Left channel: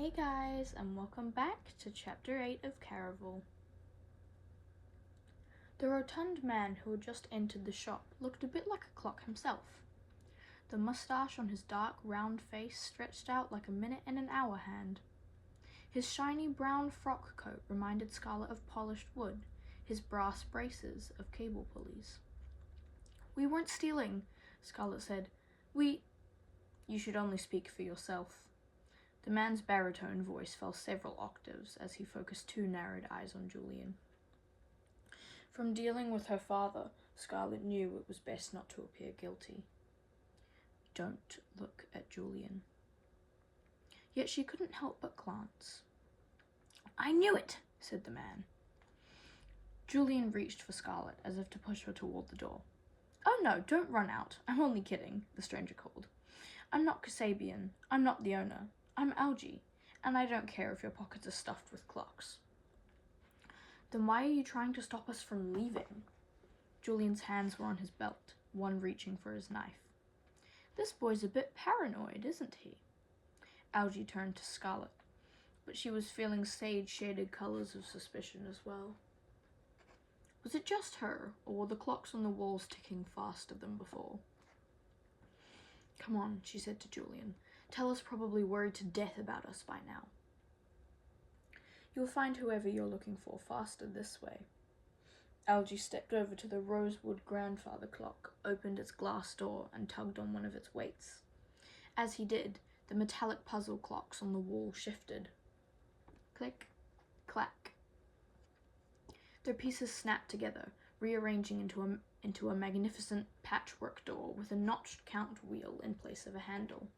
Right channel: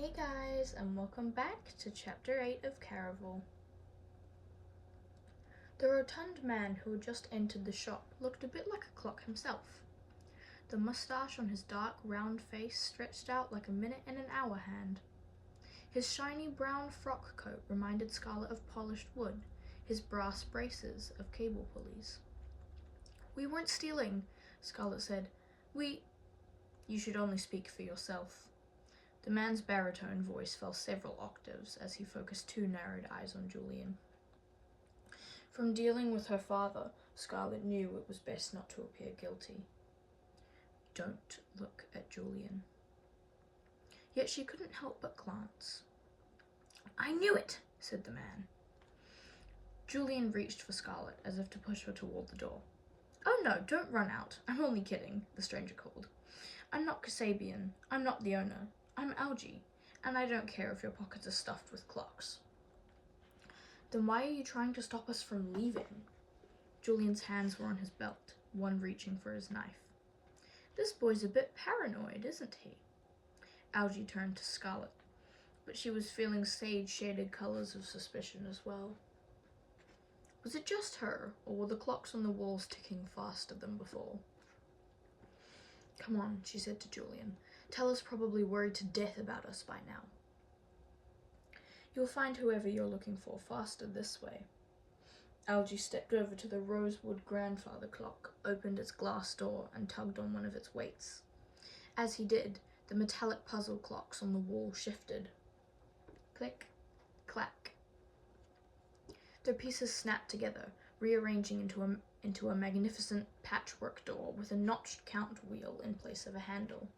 Hey guys, and welcome back to Chapter 8 of Caraval. The rotund man who had just entered the shop looked a bit like a clock himself. The moustache on his dark, round face stretched out like a minute and an hour hand. His shiny brown frock coat reminded Scarlet of polished wood, his brass braces of cable pulleys. "We weren't stealing," Scarlet said. You should only speak for yourself." The man's baritone voice fell several octaves as he focused two narrowed eyes on Julian. From dealing with her father, Scarlet knew it was best not to appear guilty. "Don't look at Julian." Yet she couldn't help but glance. "I knew it," said the man. Julian reached for Scarlet as if to push her toward the door. "Oh no, don't run out. I'm only kidding," the stranger called. "I'm not Kasabian. I'm not the owner. I'm Algie, and I don't care if your pockets are stuffed with clocks." "Then why are you trying to stop us from leaving?" Julian's hands were on his belt, one reaching for his knife. "This boy's a bit paranoid, isn't he?" Algie turned to Scarlet, but she was feeling sage-shaded colors of suspicion as well. Was it just her, or were the clocks on the walls ticking faster than before? "Come on," she said to Julian. "Tella's probably worried to death about us by now." "You'll find whoever you're looking for faster this way." Algie stepped over to the rosewood grandfather clock, opened its glass door, and tugged on one of its weights. As he did, the metallic puzzle clocks on the wall shifted. Click, clack. Their pieces snapped together, rearranging into a magnificent patchwork door with a notched count wheel in place of a handle.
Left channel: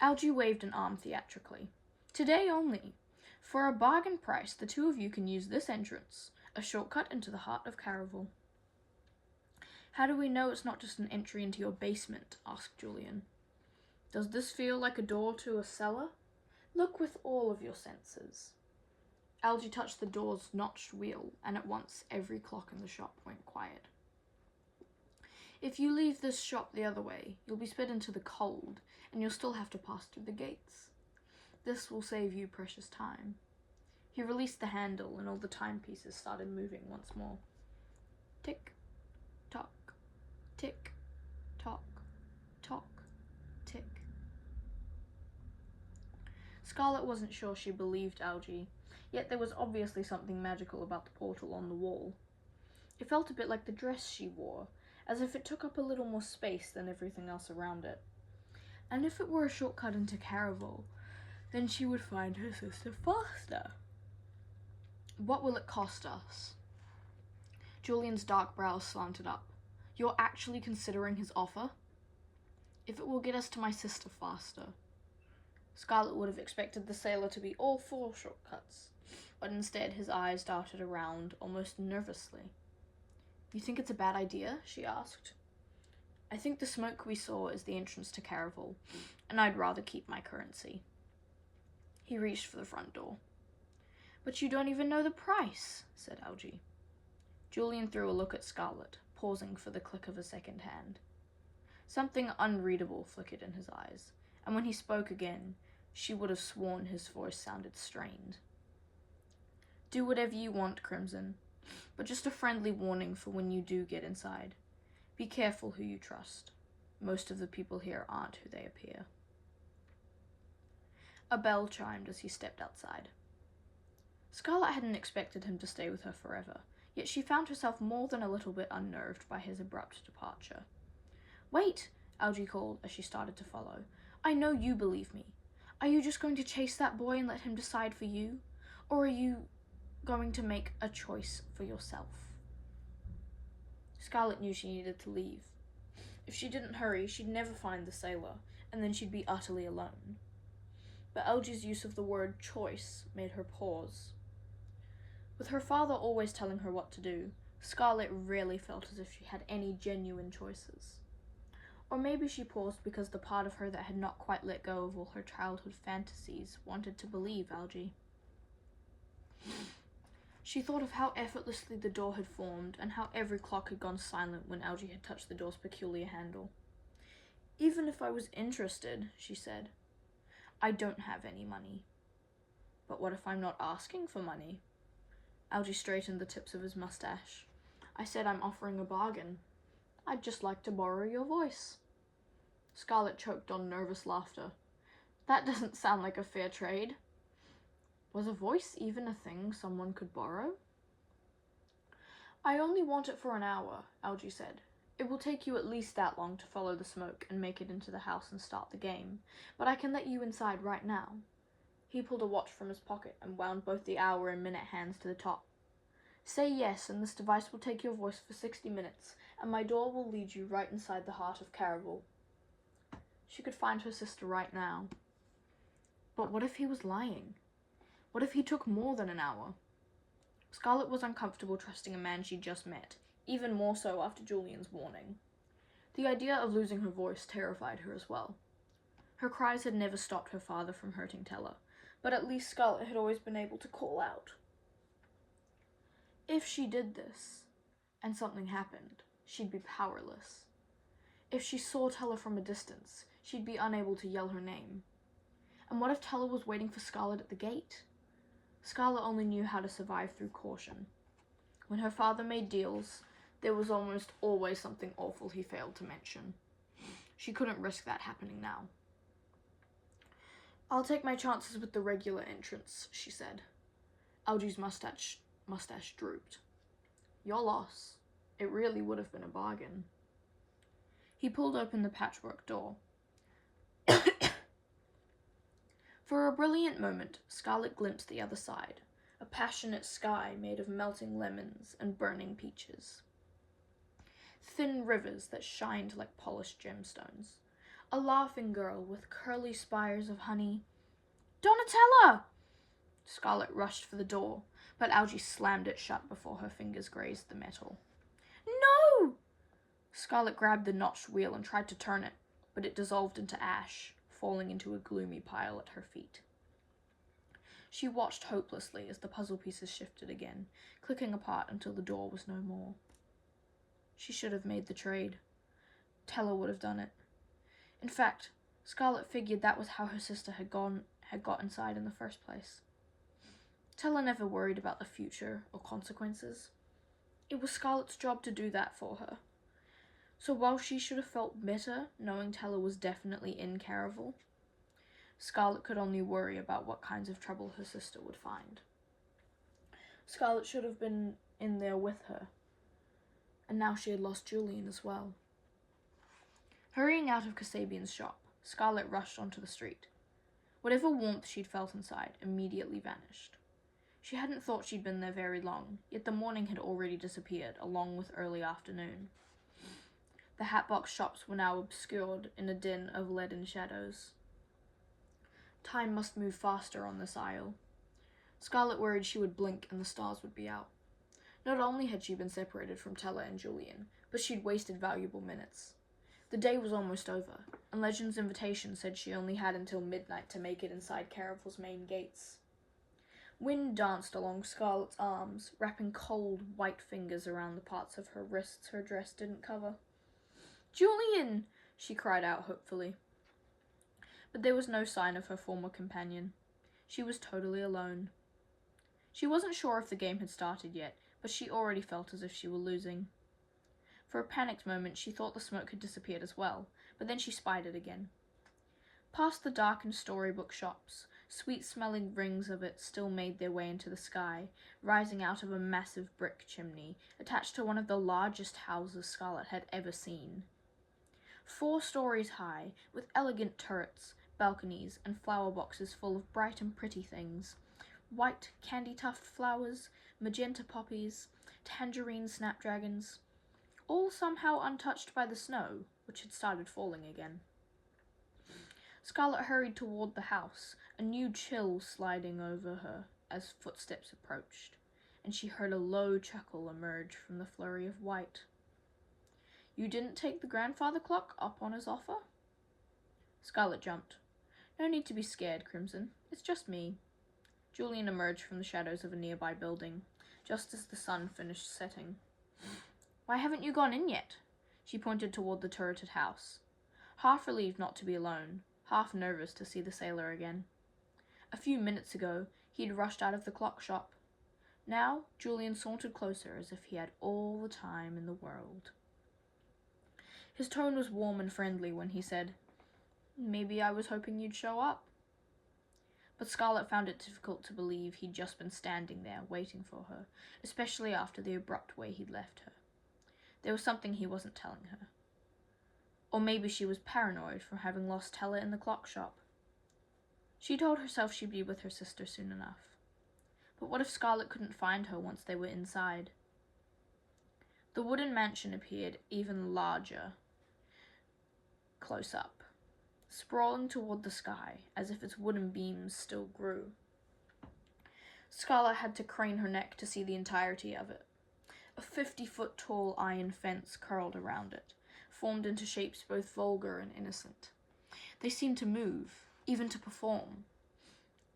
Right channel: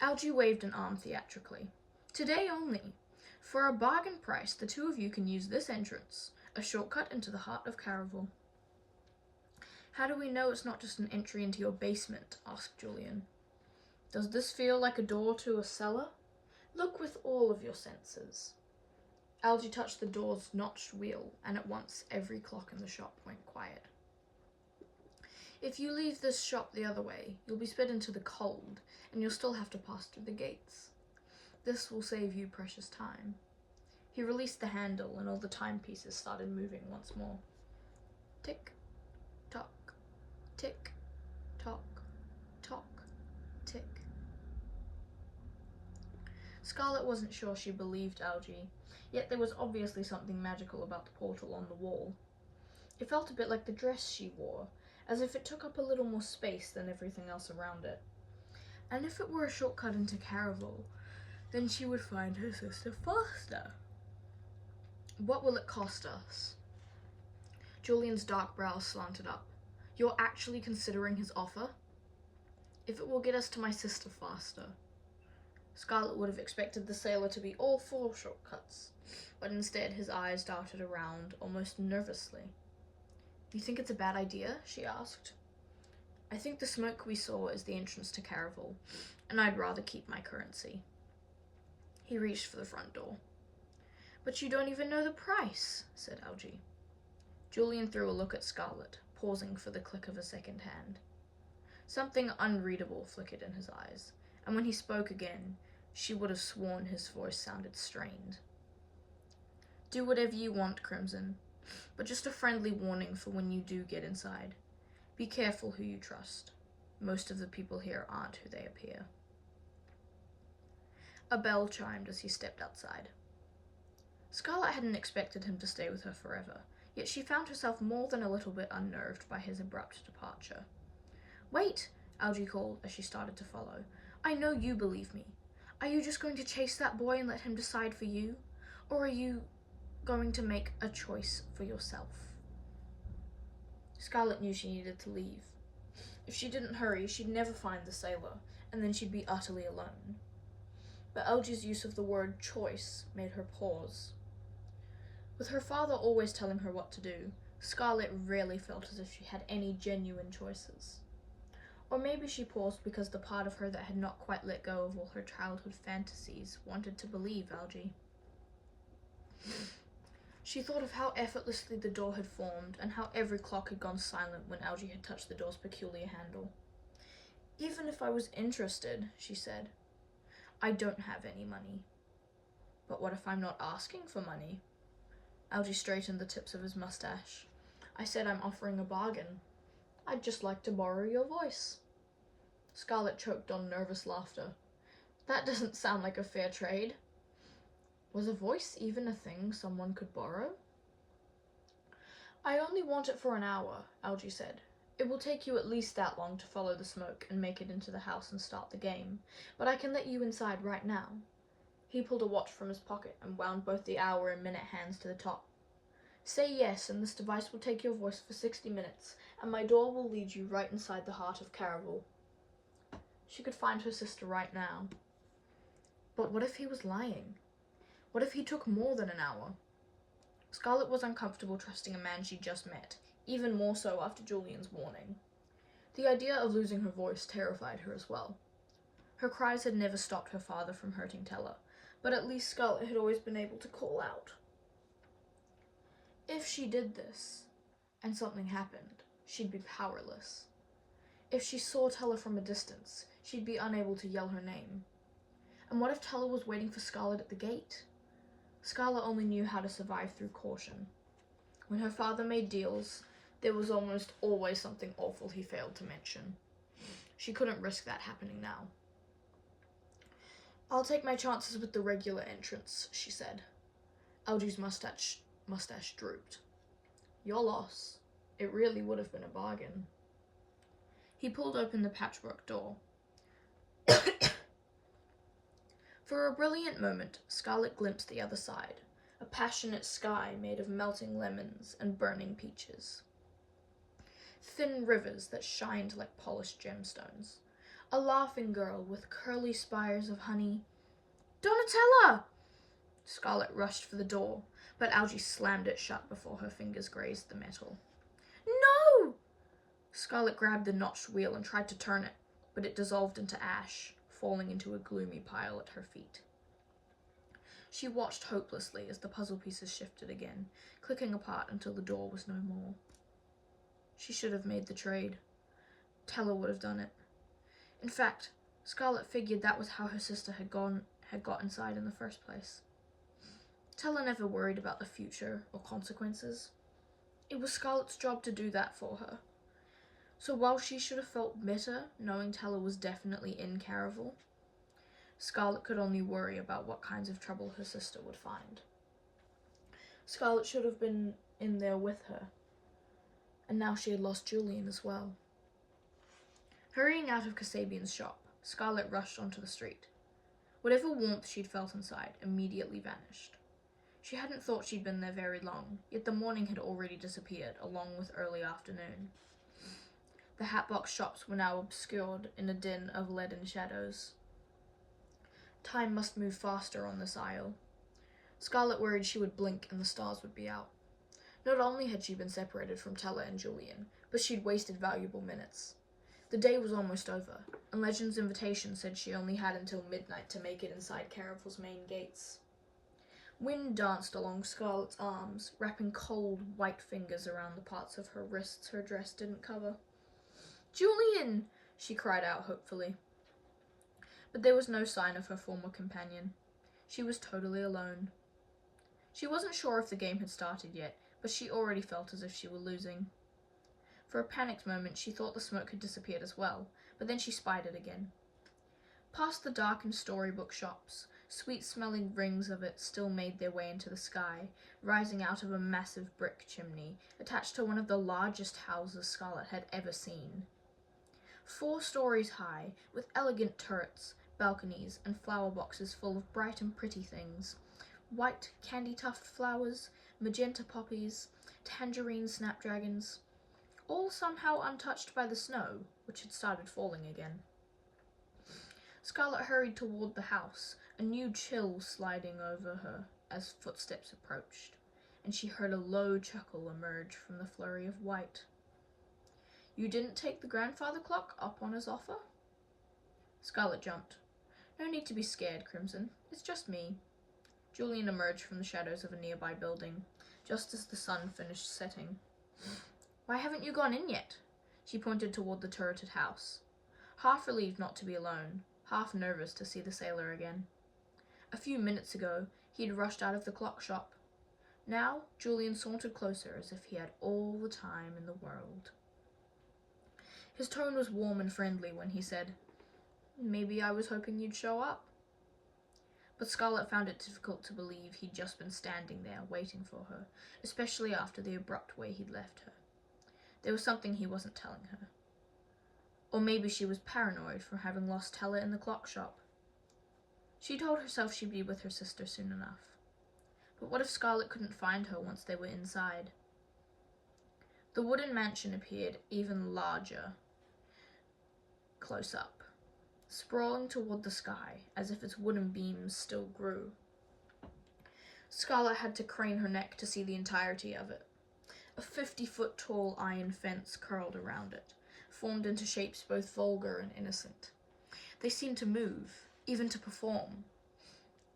Algie waved an arm theatrically. "Today only. For a bargain price, the two of you can use this entrance, a shortcut into the heart of Caraval." "How do we know it's not just an entry into your basement?" asked Julian. "Does this feel like a door to a cellar? Look with all of your senses." Algie touched the door's notched wheel, and at once every clock in the shop went quiet. "If you leave this shop the other way, you'll be spit into the cold, and you'll still have to pass through the gates. This will save you precious time." He released the handle, and all the timepieces started moving once more. Tick, tock, tick, tock, tock, tick. Scarlet wasn't sure she believed Algie, yet there was obviously something magical about the portal on the wall. It felt a bit like the dress she wore, as if it took up a little more space than everything else around it. And if it were a shortcut into Caraval, then she would find her sister faster. "What will it cost us?" Julian's dark brows slanted up. "You're actually considering his offer?" "If it will get us to my sister faster." Scarlet would have expected the sailor to be all for shortcuts, but instead his eyes darted around almost nervously. "You think it's a bad idea?" she asked. "I think the smoke we saw is the entrance to Caraval, and I'd rather keep my currency." He reached for the front door. "But you don't even know the price," said Algie. Julian threw a look at Scarlet, pausing for the click of a second hand. Something unreadable flickered in his eyes, and when he spoke again, she would have sworn his voice sounded strained. "Do whatever you want, Crimson, but just a friendly warning for when you do get inside. Be careful who you trust. Most of the people here aren't who they appear." A bell chimed as he stepped outside. Scarlet hadn't expected him to stay with her forever, yet she found herself more than a little bit unnerved by his abrupt departure. "Wait," Algie called as she started to follow. "I know you believe me. Are you just going to chase that boy and let him decide for you? Or are you going to make a choice for yourself?" Scarlet knew she needed to leave. If she didn't hurry, she'd never find the sailor, and then she'd be utterly alone. But Algie's use of the word choice made her pause. With her father always telling her what to do, Scarlet rarely felt as if she had any genuine choices. Or maybe she paused because the part of her that had not quite let go of all her childhood fantasies wanted to believe Algie. She thought of how effortlessly the door had formed and how every clock had gone silent when Algie had touched the door's peculiar handle. "Even if I was interested," she said, I don't have any money. But what if I'm not asking for money? Algie straightened the tips of his mustache. I said I'm offering a bargain. I'd just like to borrow your voice. Scarlet choked on nervous laughter. That doesn't sound like a fair trade. Was a voice even a thing someone could borrow? I only want it for an hour, Algie said. It will take you at least that long to follow the smoke and make it into the house and start the game, but I can let you inside right now. He pulled a watch from his pocket and wound both the hour and minute hands to the top. Say yes, and this device will take your voice for 60 minutes, and my door will lead you right inside the heart of Caraval. She could find her sister right now. But what if he was lying? What if he took more than an hour? Scarlet was uncomfortable trusting a man she'd just met, even more so after Julian's warning. The idea of losing her voice terrified her as well. Her cries had never stopped her father from hurting Teller, but at least Scarlet had always been able to call out. If she did this, and something happened, she'd be powerless. If she saw Teller from a distance, she'd be unable to yell her name. And what if Teller was waiting for Scarlet at the gate? Scarlet only knew how to survive through caution. When her father made deals, there was almost always something awful he failed to mention. She couldn't risk that happening now. I'll take my chances with the regular entrance, she said. Algie's mustache drooped. Your loss. It really would have been a bargain. He pulled open the patchwork door. For a brilliant moment, Scarlet glimpsed the other side, a passionate sky made of melting lemons and burning peaches. Thin rivers that shined like polished gemstones. A laughing girl with curly spires of honey. Donatella! Scarlet rushed for the door, but Algie slammed it shut before her fingers grazed the metal. No! Scarlet grabbed the notched wheel and tried to turn it, but it dissolved into ash, falling into a gloomy pile at her feet. She watched hopelessly as the puzzle pieces shifted again, clicking apart until the door was no more. She should have made the trade. Teller would have done it. In fact, Scarlet figured that was how her sister had got inside in the first place. Teller never worried about the future or consequences. It was Scarlet's job to do that for her. So while she should have felt better knowing Teller was definitely in Caraval, Scarlet could only worry about what kinds of trouble her sister would find. Scarlet should have been in there with her, and now she had lost Julian as well. Hurrying out of Kasabian's shop, Scarlet rushed onto the street. Whatever warmth she'd felt inside immediately vanished. She hadn't thought she'd been there very long, yet the morning had already disappeared, along with early afternoon. The hatbox shops were now obscured in a din of leaden shadows. Time must move faster on this aisle. Scarlet worried she would blink and the stars would be out. Not only had she been separated from Teller and Julian, but she'd wasted valuable minutes. The day was almost over, and Legend's invitation said she only had until midnight to make it inside Caraval's main gates. Wind danced along Scarlet's arms, wrapping cold, white fingers around the parts of her wrists her dress didn't cover. Julian! She cried out hopefully. But there was no sign of her former companion. She was totally alone. She wasn't sure if the game had started yet, but she already felt as if she were losing. For a panicked moment, she thought the smoke had disappeared as well, but then she spied it again. Past the darkened storybook shops, sweet-smelling rings of it still made their way into the sky, rising out of a massive brick chimney attached to one of the largest houses Scarlet had ever seen. 4 stories high, with elegant turrets, balconies, and flower boxes full of bright and pretty things. White candy-tufted flowers, magenta poppies, tangerine snapdragons, all somehow untouched by the snow, which had started falling again. Scarlet hurried toward the house, a new chill sliding over her as footsteps approached, and she heard a low chuckle emerge from the flurry of white. You didn't take the grandfather clock up on his offer? Scarlet jumped. No need to be scared, Crimson. It's just me. Julian emerged from the shadows of a nearby building, just as the sun finished setting. Why haven't you gone in yet? She pointed toward the turreted house. Half relieved not to be alone, half nervous to see the sailor again. A few minutes ago, he'd rushed out of the clock shop. Now, Julian sauntered closer as if he had all the time in the world. His tone was warm and friendly when he said, "Maybe I was hoping you'd show up." But Scarlet found it difficult to believe he'd just been standing there waiting for her, especially after the abrupt way he'd left her. There was something he wasn't telling her. Or maybe she was paranoid from having lost Tella in the clock shop. She told herself she'd be with her sister soon enough. But what if Scarlet couldn't find her once they were inside? The wooden mansion appeared even larger close up, sprawling toward the sky as if its wooden beams still grew. Scarlet had to crane her neck to see the entirety of it. A 50-foot tall iron fence curled around it, formed into shapes both vulgar and innocent. They seemed to move, even to perform.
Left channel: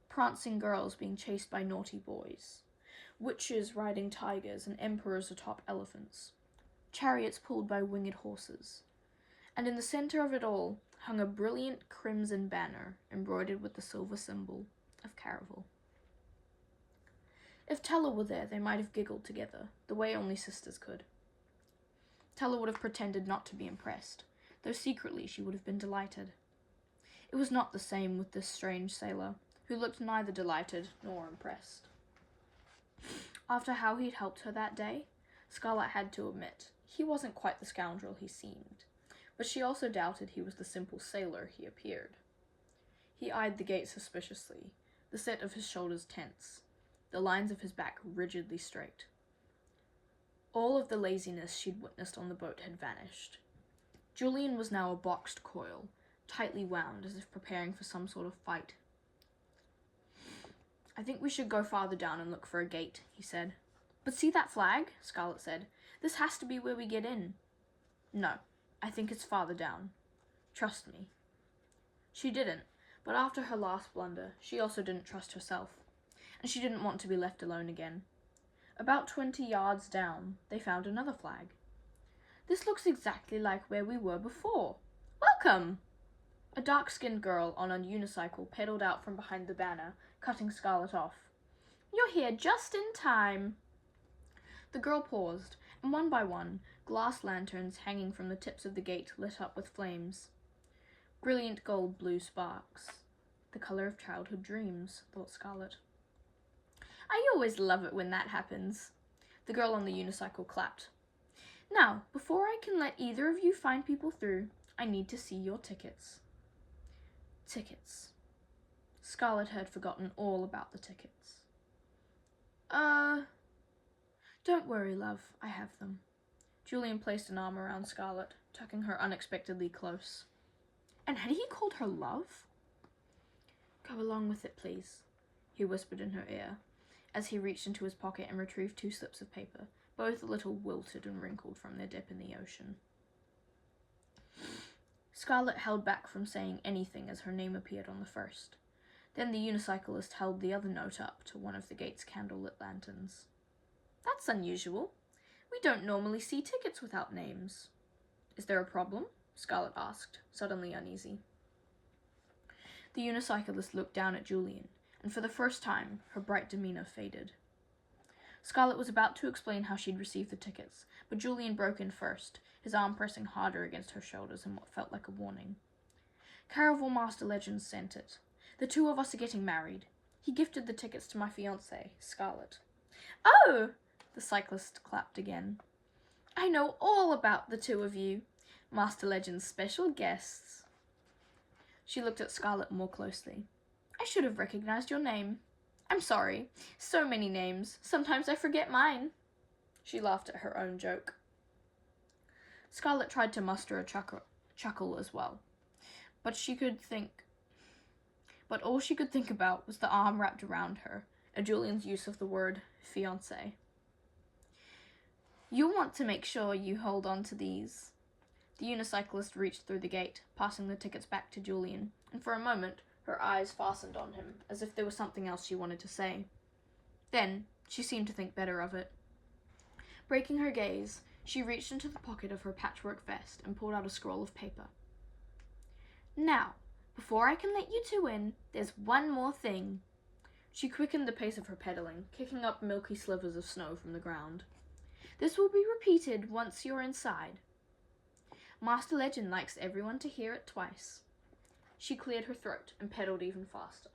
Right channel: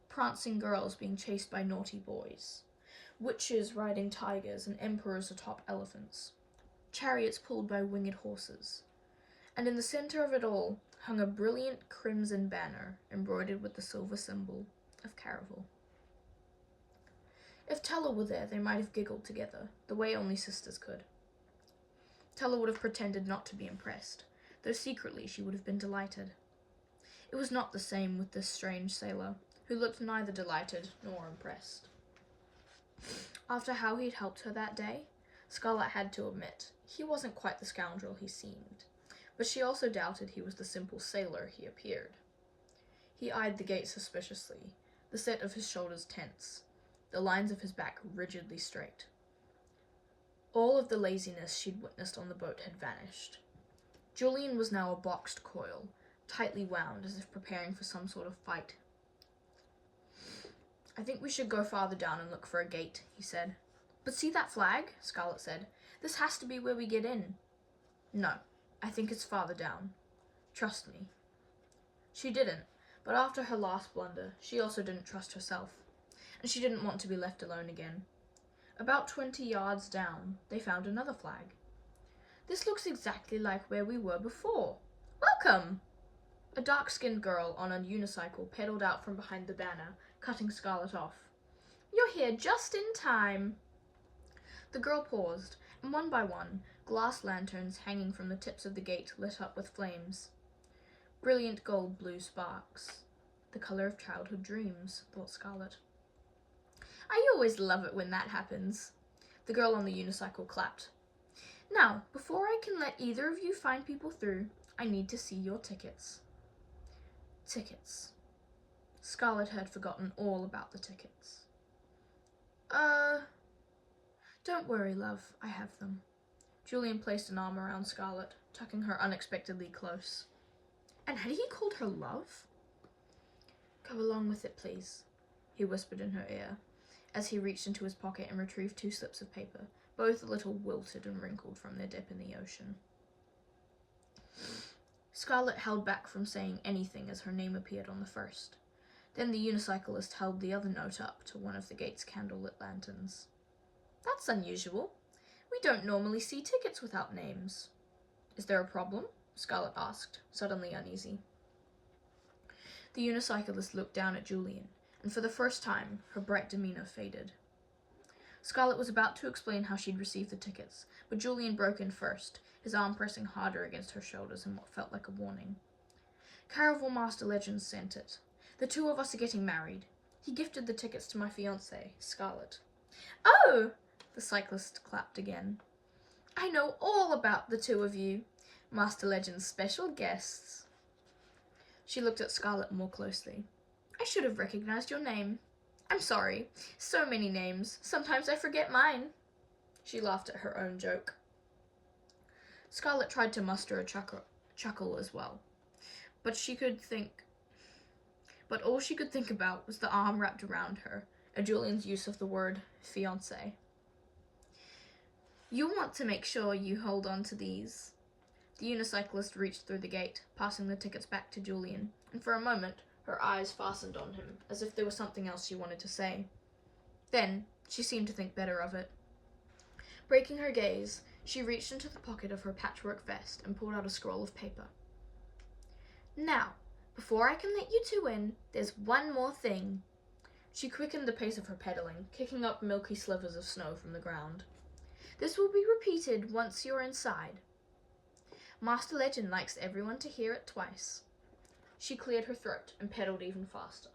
Prancing girls being chased by naughty boys, witches riding tigers and emperors atop elephants, chariots pulled by winged horses. And in the center of it all hung a brilliant crimson banner embroidered with the silver symbol of Caraval. If Tella were there, they might have giggled together, the way only sisters could. Tella would have pretended not to be impressed, though secretly she would have been delighted. It was not the same with this strange sailor, who looked neither delighted nor impressed. After how he'd helped her that day, Scarlet had to admit he wasn't quite the scoundrel he seemed, but she also doubted he was the simple sailor he appeared. He eyed the gate suspiciously, the set of his shoulders tense, the lines of his back rigidly straight. All of the laziness she'd witnessed on the boat had vanished. Julian was now a boxed coil, tightly wound as if preparing for some sort of fight. "I think we should go farther down and look for a gate," he said. "But see that flag?" Scarlet said. "This has to be where we get in." "No, I think it's farther down. Trust me." She didn't, but after her last blunder, she also didn't trust herself, and she didn't want to be left alone again. About 20 yards down, they found another flag. "This looks exactly like where we were before. Welcome!" A dark-skinned girl on a unicycle pedaled out from behind the banner, cutting Scarlet off. "You're here just in time." The girl paused, and one by one, glass lanterns hanging from the tips of the gate lit up with flames. Brilliant gold-blue sparks. The color of childhood dreams, thought Scarlet. "I always love it when that happens." The girl on the unicycle clapped. "Now, before I can let either of you find people through, I need to see your tickets." Tickets. Scarlet had forgotten all about the tickets. Don't worry, love, I have them." Julian placed an arm around Scarlet, tucking her unexpectedly close. And had he called her love? "Go along with it, please," he whispered in her ear, as he reached into his pocket and retrieved 2 slips of paper, both a little wilted and wrinkled from their dip in the ocean. Scarlet held back from saying anything as her name appeared on the first. Then the unicyclist held the other note up to one of the gate's candlelit lanterns. "That's unusual. We don't normally see tickets without names." "Is there a problem?" Scarlet asked, suddenly uneasy. The unicyclist looked down at Julian, and for the first time, her bright demeanor faded. Scarlet was about to explain how she'd received the tickets, but Julian broke in first, his arm pressing harder against her shoulders in what felt like a warning. "Caraval Master Legends sent it. The 2 of us are getting married. He gifted the tickets to my fiancée, Scarlet." "Oh!" The cyclist clapped again. "I know all about the 2 of you. Master Legend's special guests." She looked at Scarlet more closely. "I should have recognized your name. I'm sorry. So many names. Sometimes I forget mine." She laughed at her own joke. Scarlet tried to muster a chuckle as well, but all she could think about was the arm wrapped around her, and Julian's use of the word fiancé. "You'll want to make sure you hold on to these." The unicyclist reached through the gate, passing the tickets back to Julian, and for a moment her eyes fastened on him, as if there was something else she wanted to say. Then she seemed to think better of it. Breaking her gaze, she reached into the pocket of her patchwork vest and pulled out a scroll of paper. "Now, Before I can let you two in, there's one more thing. She quickened the pace of her pedaling, kicking up milky slivers of snow from the ground. This will be repeated once you're inside. Master Legend likes everyone to hear it twice. She cleared her throat and pedaled even faster.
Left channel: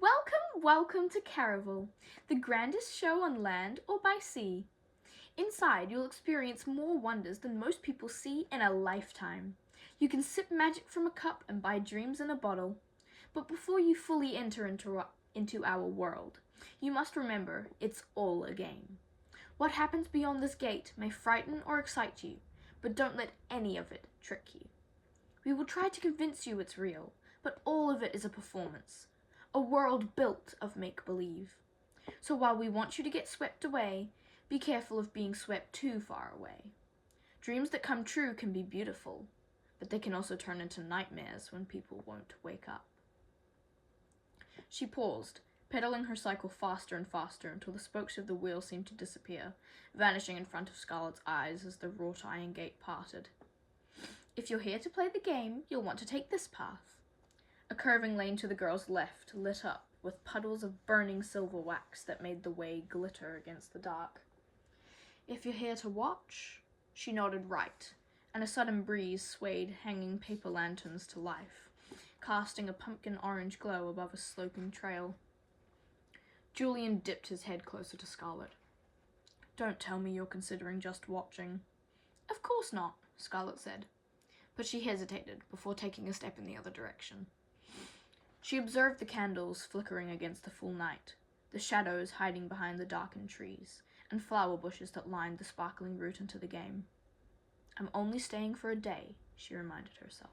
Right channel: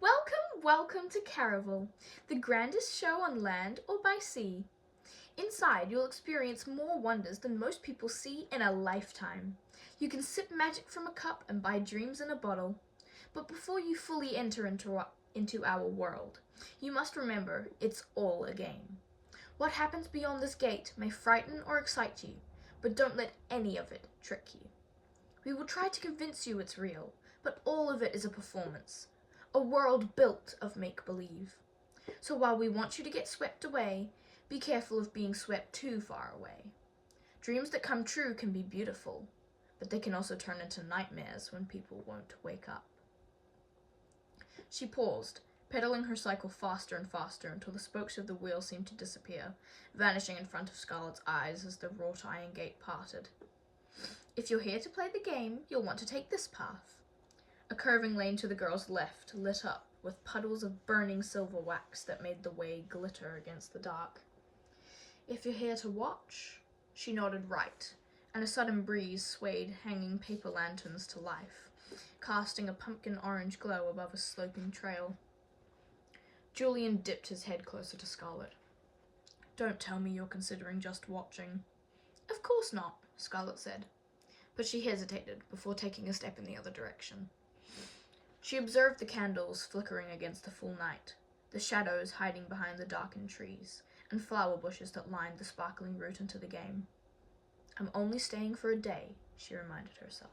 Welcome, welcome to Caraval, the grandest show on land or by sea. Inside, you'll experience more wonders than most people see in a lifetime. You can sip magic from a cup and buy dreams in a bottle. But before you fully enter into our world, you must remember it's all a game. What happens beyond this gate may frighten or excite you, but don't let any of it trick you. We will try to convince you it's real, but all of it is a performance, a world built of make-believe. So while we want you to get swept away, be careful of being swept too far away. Dreams that come true can be beautiful, but they can also turn into nightmares when people won't wake up. She paused, pedaling her cycle faster and faster until the spokes of the wheel seemed to disappear, vanishing in front of Scarlet's eyes as the wrought iron gate parted. If you're here to play the game, you'll want to take this path. A curving lane to the girl's left lit up with puddles of burning silver wax that made the way glitter against the dark. If you're here to watch, she nodded right, and a sudden breeze swayed hanging paper lanterns to life, casting a pumpkin orange glow above a sloping trail. Julian dipped his head closer to Scarlet. Don't tell me you're considering just watching. Of course not, Scarlet said, but she hesitated before taking a step in the other direction. She observed the candles flickering against the full night, the shadows hiding behind the darkened trees, and flower bushes that lined the sparkling route into the game. I'm only staying for a day, she reminded herself.